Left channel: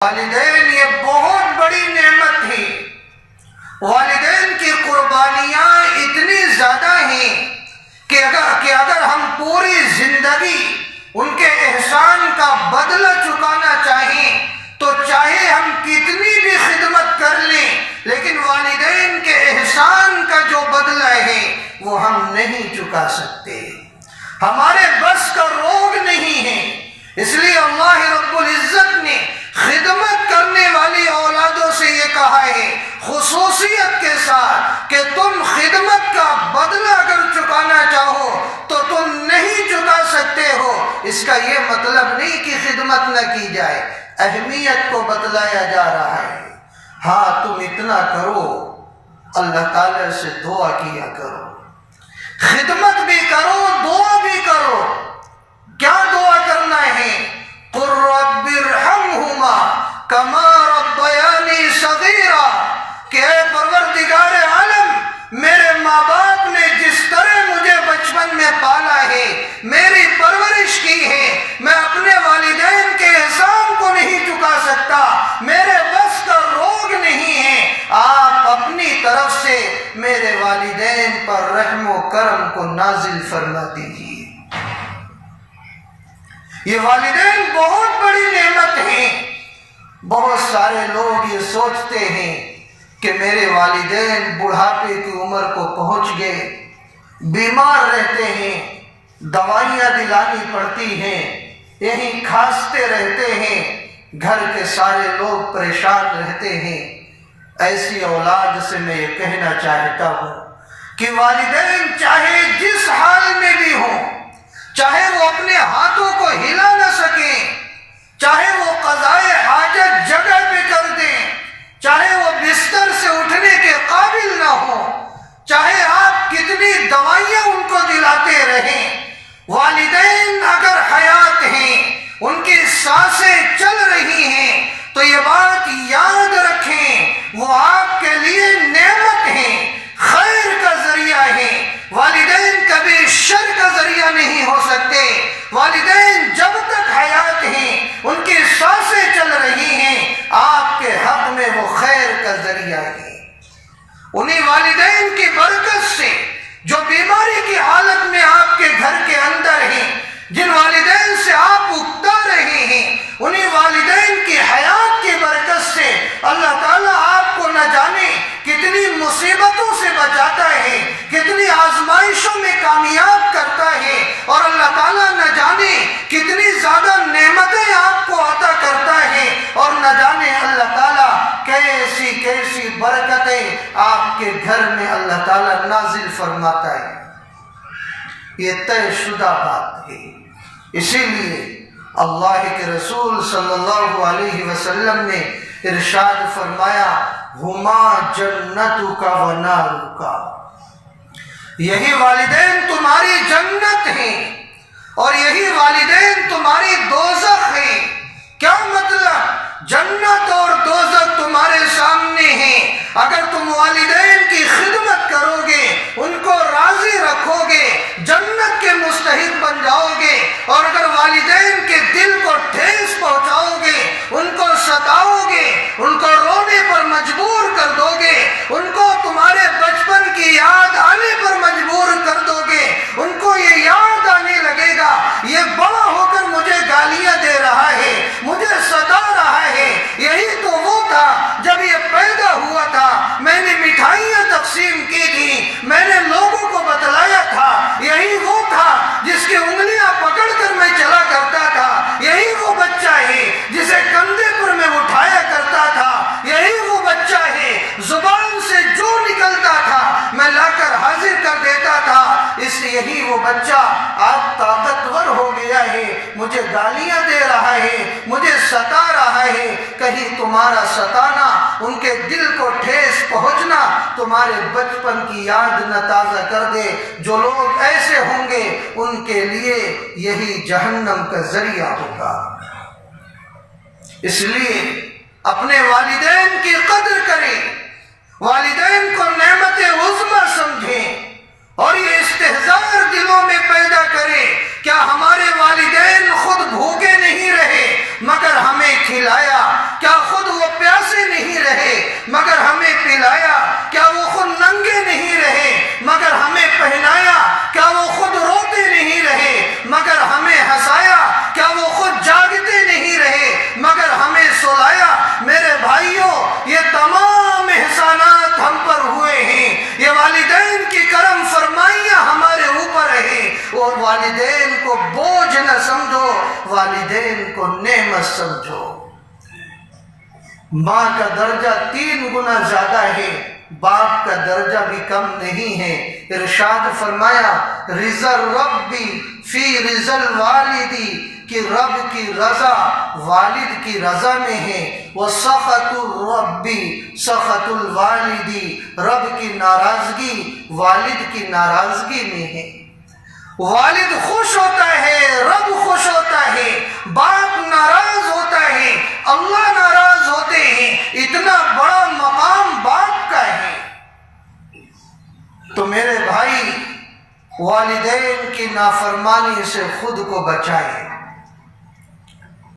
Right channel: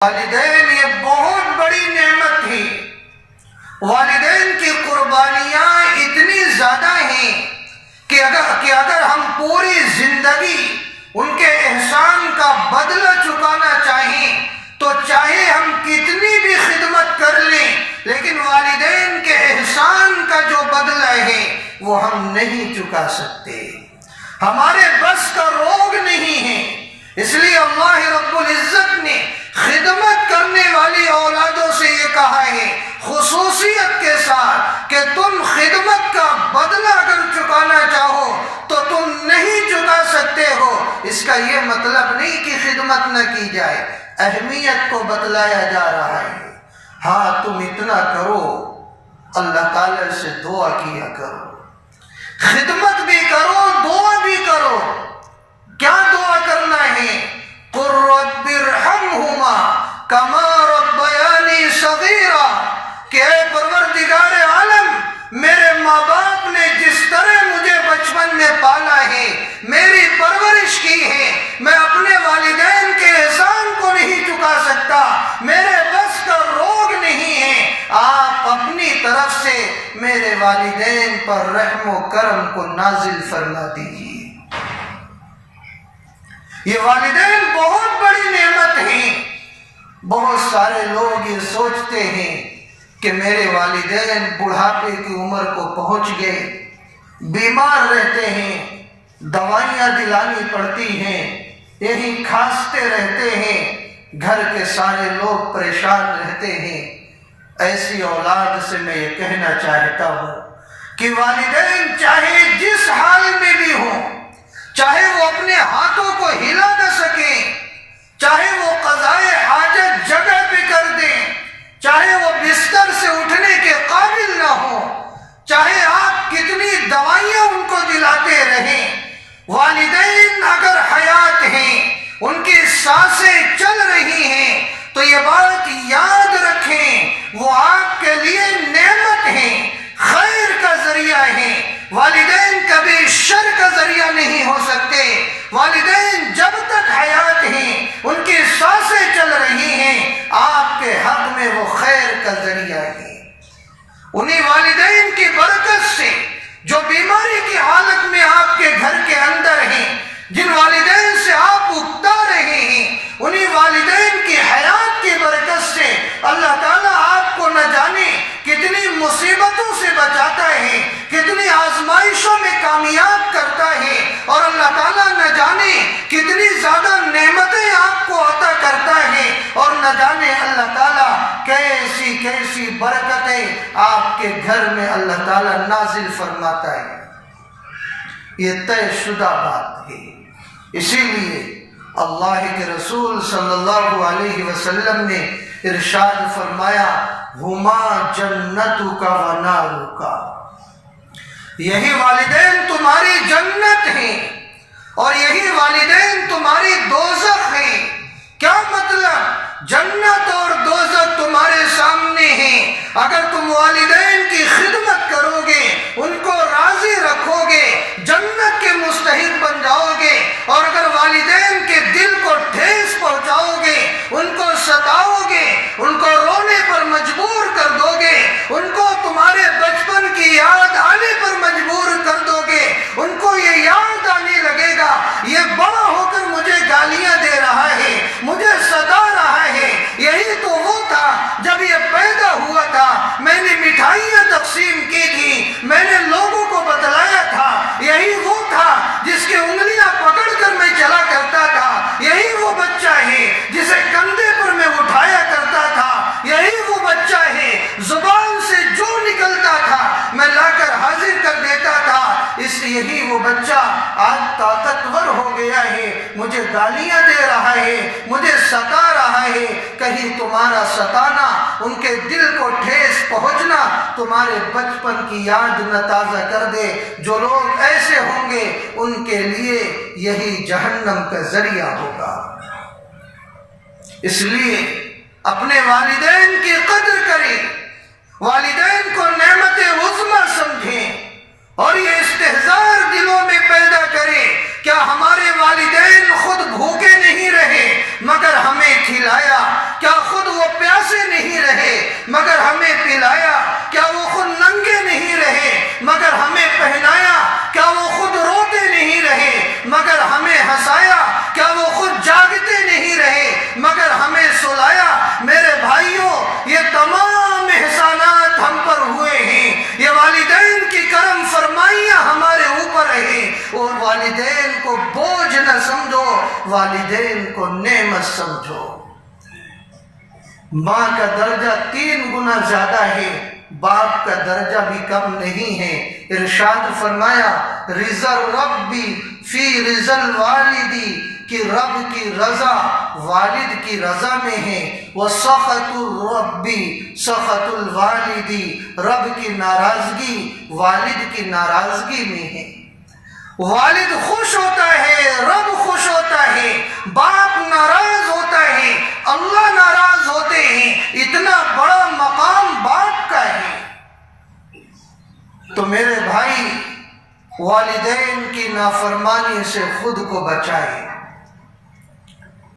والدین یہ بہت بڑی نعمت تھی۔ والدین کی قربانیاں اتنی زیادہ ہیں کہ اگر ہم پوری زندگی ان کے احسان کا بدلہ چکانا چاہیں تو چاہے ہم کتنی بھی خدمت کر لیں، لیکن والدین کے احسان کا جو بدلہ ہے وہ ہم نہیں چکا سکتے، ہمارے بس کا روگ نہیں ہے۔ اس لیے اللہ رب العزت نے خدمت کرنے والی اولادوں سے یہ کہا ہے خصوصیت کے ساتھ کہ تم خدمت کا بدلہ اگر چکانا چاہو تو تم نہیں چکا سکتے ہو۔ اس کا یہ مطلب نہیں کہ خدمت نہ کی جائے، اہمیت کو بتلایا جا رہا ہے۔ ہاں تم اتنا کرو، اللہ تعالی سے دعا کیا کرو، خدمت بھی کرو، دعا بھی کرو۔ کیا دعا کرنا ہے؟ قُل رَّبِّ ارْحَمْهُمَا كَمَا رَبَّيَانِي صَغِيرًا، کہ اے پروردگار عالم، میرے ماں باپ نے جس طرح مجھے بچپن میں پالا ہے، میری پرورش کی ہے، میں اپنے والدین کے احسان کو نہیں چکا سکتا، میرے بس کا روگ نہیں ہے، آپ اپنی طرف سے میرے والدین پر رحم و کرم کو نازل فرما دیجیے۔ یہ والدین بہت بڑی نعمت ہیں۔ بہت سارے لوگ یہ سوچتے ہیں کہ میرے والدین بڑھاپے کی عمر کو پہنچ گئے، بیمار رہتے ہیں، دوائیاں دلانی پڑتی ہیں، یہیں کھانستے رہتے ہیں، گھر کے سارے لوگ پریشان رہتے ہیں۔ ایسی اولاد سے میں یہ کہنا چاہتا ہوں کہ والدین چاہے جس حال میں بھی ہوں، چاہے وہ اپنے ہاتھوں کو ہلا نہ سکیں، چاہے وہ قضائے حاجت جگہ پہ کر دیں، چاہے وہ بستر سے اٹھنے کے قابل نہ ہو، چاہے آپ کتنی دوائیاں ان کو دلاتے رہیں، والدین اگر حیات ہیں، ان کی سانسیں چل رہی ہیں تو یہ بات یاد رکھیں وہ آپ کے لیے نعمت ہیں، خیر کا ذریعہ ہیں۔ والدین کبھی شر کا ذریعہ نہیں ہو سکتے۔ والدین جب تک حیات ہیں، ان کی سانسیں چل رہی ہیں، آپ کے حق میں وہ خیر کا ذریعہ ہے۔ انہی والدین کی برکت سے جو بیماری کی حالت میں آپ کے گھر کے اندر ہیں، جن والدین سے آپ اکتا رہے ہیں، انہی والدین کی حیات کی برکت سے اللہ تعالیٰ آپ کو نہ جانے کتنی مصیبتوں سے بچاتا ہے، کتنی آزمائشوں میں کامیاب کرتا ہے، اور اللہ تعالیٰ نہ جانے کتنی زیادہ نعمتیں آپ کو عطا کرتا ہے، اور نہ جانے اللہ تعالیٰ کیسی کیسی برکتیں آپ کے گھر میں اللہ تعالیٰ نازل فرماتا ہے۔ یہ طے شدہ بات ہے۔ اسی لیے اللہ کے رسول صلی اللہ علیہ وسلم نے ارشاد فرمایا ہما جنتک و نارک، یہی والدین تمہاری جنت ہیں اور یہی والدین تمہاری دوزخ ہیں۔ کیا مطلب؟ جنت اور دوزخ تمہارے سامنے ہیں، اگر تم والدین کی خدمت کرو گے، ان کو راضی رکھو گے، جنت کے مستحق بن جاؤ گے، اور اگر والدین کے دل کو ٹھیس پہنچاؤ گے، ان کو ستاؤ گے، ان کو رونے پر مجبور کر دو گے، ان کو تمہارے بچپن کی یاد آنے پر مجبور کر دو گے، ان کو یہ یاد آنے لگے گا یہ بڑا ہو کر مجھے گالیاں دے رہا ہے، مجھے ستا رہا ہے، یہی تو وہ تھا جب یہ پیدا ہوا تھا، میں نے مٹھائیاں تقسیم کی تھی، میں نے لوگوں کو بتلایا تھا، یہی وہ تھا جس کی انگلیاں پکڑ کر میں چلا کرتا تھا، یہی وہ بچہ ہے جسے کندھے پر میں اٹھایا کرتا تھا، یہی وہ بچہ ہے زبان سے جو نکلتا تھا میں لا کر حاضر کر دیتا تھا، یہی وہ بچہ آج طاقتور ہو گیا ہے، مجھے گالیاں دے رہا ہے، مجھے ستا رہا ہے۔ کہیں تمہارا ستانا، ان کے دل کو ٹھیس پہنچنا تمہارے بچپن کی یاد نہ تازہ کر دے۔ جو لوگ ایسے ہوں گے ان کے لیے یہی جہنم کا ذریعہ ہوگا۔ اس لیے اپنے والدین کی قدر کریں، والدین کو نعمت عظمیٰ سمجھیں، اور یہ استحضار دلوں میں پیدا کریں کیا ہمارے والدین خود بھوکے نہیں رہے، مگر ہمیں کھلایا، کیا خود وہ پیاسے نہیں رہے مگر ہمیں پلایا، کیا وہ خود ننگے نہیں رہے مگر ہمیں پہنایا، کیا وہ خود روتے نہیں رہے مگر ہمیں ہنسایا، کیا وہ خود جاگتے نہیں رہے مگر ہمیں سلایا۔ میرے بھائیوں، یہ تمام احسانات ہم پر ہوئے ہیں، یہ والدین کی کرم فرمائیاں ہمارے اوپر ہیں، اور والدین کو بوجھ نہ سمجھو، والدین کو نعمت سمجھو۔ ماں کا درجہ 3 گنا زیادہ ہے، باپ کا درجہ بھی کم نہیں ہے۔ ارشاد فرمایا، رضا ربی فی رضا الوالدی، کہ رب کی رضا والد کی رضا میں ہے، وسخط الربی سخط الوالدی، رب کی ناراضگی والد کی ناراضگی میں ہے۔ والد خوش ہوتا ہے، رب خوش ہوتا ہے، باپ ناراض ہوتا ہے، اللہ ناراض ہوتے ہیں۔ اتنا بڑا مقام باپ کا ہے۔ تو میرے بھائی، والدین کی نافرمانی سے خود کو بچائیں۔